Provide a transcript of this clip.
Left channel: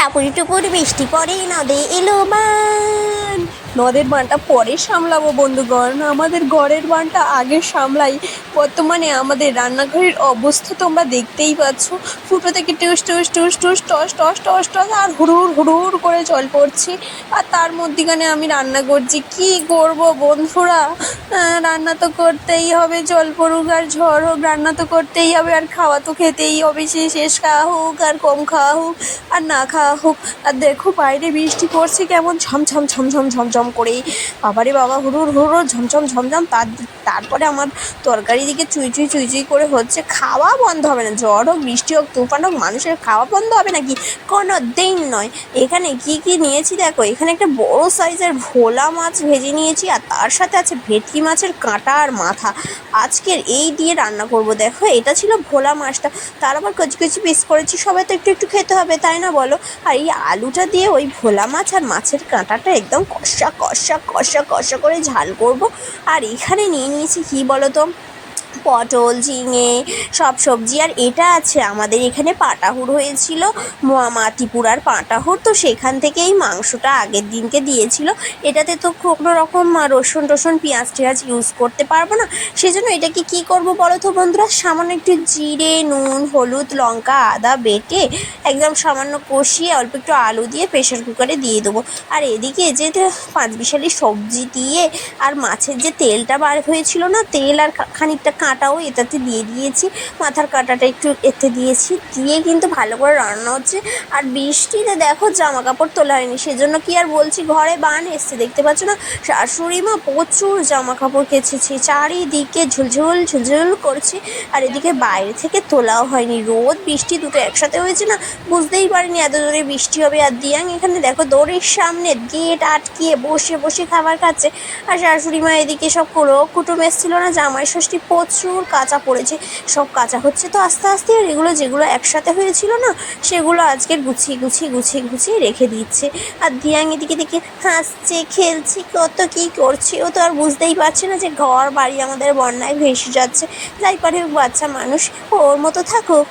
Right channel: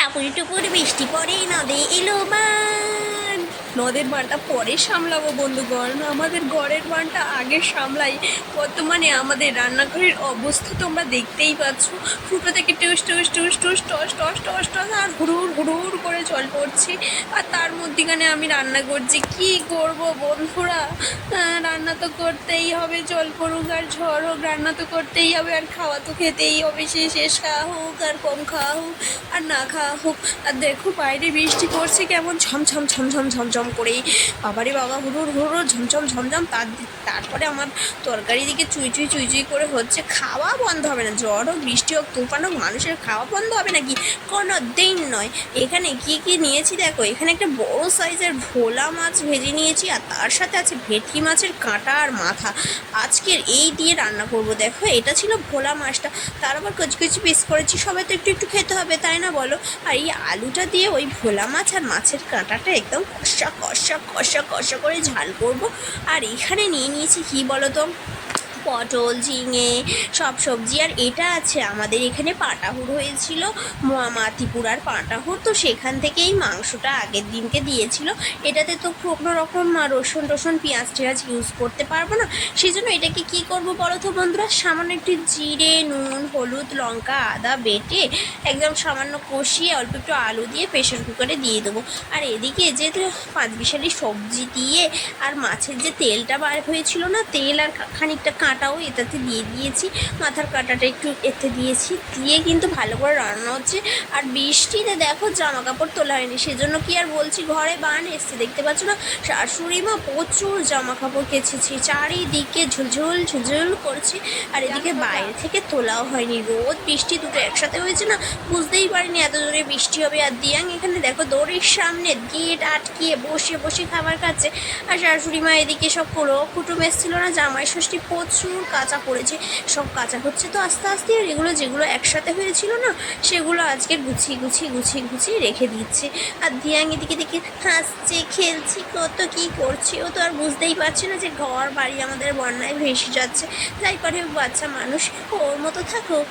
টাপুরি টুপুর বৃষ্টি পড়ে নদে এলো মান নদের বানটা পরে সামলাবো, বন্ধুগণ। আমাদের ঘরের বানটা আগে সামলাই। বর্তমানে আমাদের রান্নাঘরের অবস্থা তোমরা দেখতেই পাচ্ছ। ফুটো থেকে টুস টুস টুস টুস, টস টস টস টস, আর হুড়ুর হুড়ুর করে জল পড়ছে। আর তার মধ্যিখানে আমি রান্না করছি। কি করব বন্ধুরা? রান্না তো করতেই হবে, জল পড়ুক আর ঝড় হোক, রান্না তো করতেই হবে। আর খাওয়া তো খেতেই হবে, সে শেষ খাওয়া হোক আর কম খাওয়া হোক, আর না খাওয়া হোক। আর দেখো বাইরে বৃষ্টি পড়ছে, কেমন ঝমঝম ঝমঝম ঝমঝম করে বাবারে বাবা হুড়ুর হুড়ুর ঝমঝম ঝমঝম। তার তারপরে আমার তরকারি দিকে চুই চুই চুই চুই করে হচ্ছে খাওয়া বন্ধ হবে না। ঝড় হোক, বৃষ্টি হোক, তুফান হোক, মানুষের খাওয়া বন্ধ হবে নাকি? কোনো দিন নয়। এখানে কি কি নিয়েছি দেখো, এখানে একটা বড় সাইজের ভোলা মাছ ভেজে নিয়েছি আর তার সাথে আছে ভেটকি মাছের কাঁটা আর মাথা। আজকের এই দিয়ে রান্না করব দেখো, এটা ছিল ভোলা মাছটা। তার আবার কচি কচি পিস করেছি, সবাই তো একটু একটু খেতে হবে, তাই না বলো? আর এই আলুটা দিয়ে ওই ভোলা মাছ আর মাছের কাঁটাটা একদম কষা কষা কষা কষা করে ঝাল করব। আর এখানে নিয়ে নিয়েছি কী বলো তো পটল, ঝিঙে, সব সবজি। আর এটা আছে আমাদের এখানে পাটাহুড় হয়েছিল মাতিপুরার পাটাহুড় তো সেখান থেকে এই মাংসটা আগের দিনকে দিয়েছিল। এটাতে তো কোনো রকম রসুন টসুন, পেঁয়াজ টেয়াজ ইউজ করতে পারব না। সেজন্য এটাকে কি করব বলো তো বন্ধুরা? সামান্য একটু জিরে, নুন, হলুদ, লঙ্কা, আদা বেটে একদম সামান্য কষিয়ে অল্প একটু আলু দিয়ে প্রেশার কুকারে দিয়ে দেবো। আর এদিকে যে পাঁচ বিশালি সবজি দিয়ে আর মাছের যে তেলটা বার হয়েছিল না, তেল আর খানিকটা কাঁটাও এটাতে দিয়ে দিয়েছি। মাথার কাঁটাটা একটু এতে দিয়েছি। দিয়ে কিন্তু ভালো করে রান্না হচ্ছে। আর বৃষ্টিতে দেখো জামা কাপড় তোলা হয়নি। সেজন্য কি আর বলছি, ঘরে বান এসছে, দেখতে পাচ্ছ না? শাশুড়ি মা প্রচুর জামা কাপড় কেচেছে। চারিদিকে ঝুলঝুল ঝুলঝুল করছে। আর এদিকে বাইরে থেকে তোলাও হয়নি। রোদ, বৃষ্টি দুটো একসাথে হয়েছে না? বুঝতেই পারিনি এত জোরে বৃষ্টি হবে। আর দিয়াং এখানে দেখো দড়ির সামনে গেট আটকিয়ে বসে বসে খাবার খাচ্ছে। আর শাশুড়ি মা এদিকে সব কুলো কুটুম এসেছিল না? জামাই ষষ্ঠী প্রচুর কাঁচা পড়েছে, সব কাঁচা হচ্ছে তো আস্তে আস্তে। আর এগুলো যেগুলো একসাথে হয়েছিল না, সেগুলো আজকে গুছিয়ে গুছিয়ে গুছিয়ে গুছিয়ে রেখে দিচ্ছে। আর ধিয়াং এদিকে দেখে হাসছে, খেলছে, কত কী করছে ও তো আর বুঝতেই পারছে না যে ঘর বাড়ি আমাদের বন্যায় ভেসে যাচ্ছে। যাই পারে বাচ্চা মানুষ, ওর মতো থাকুক।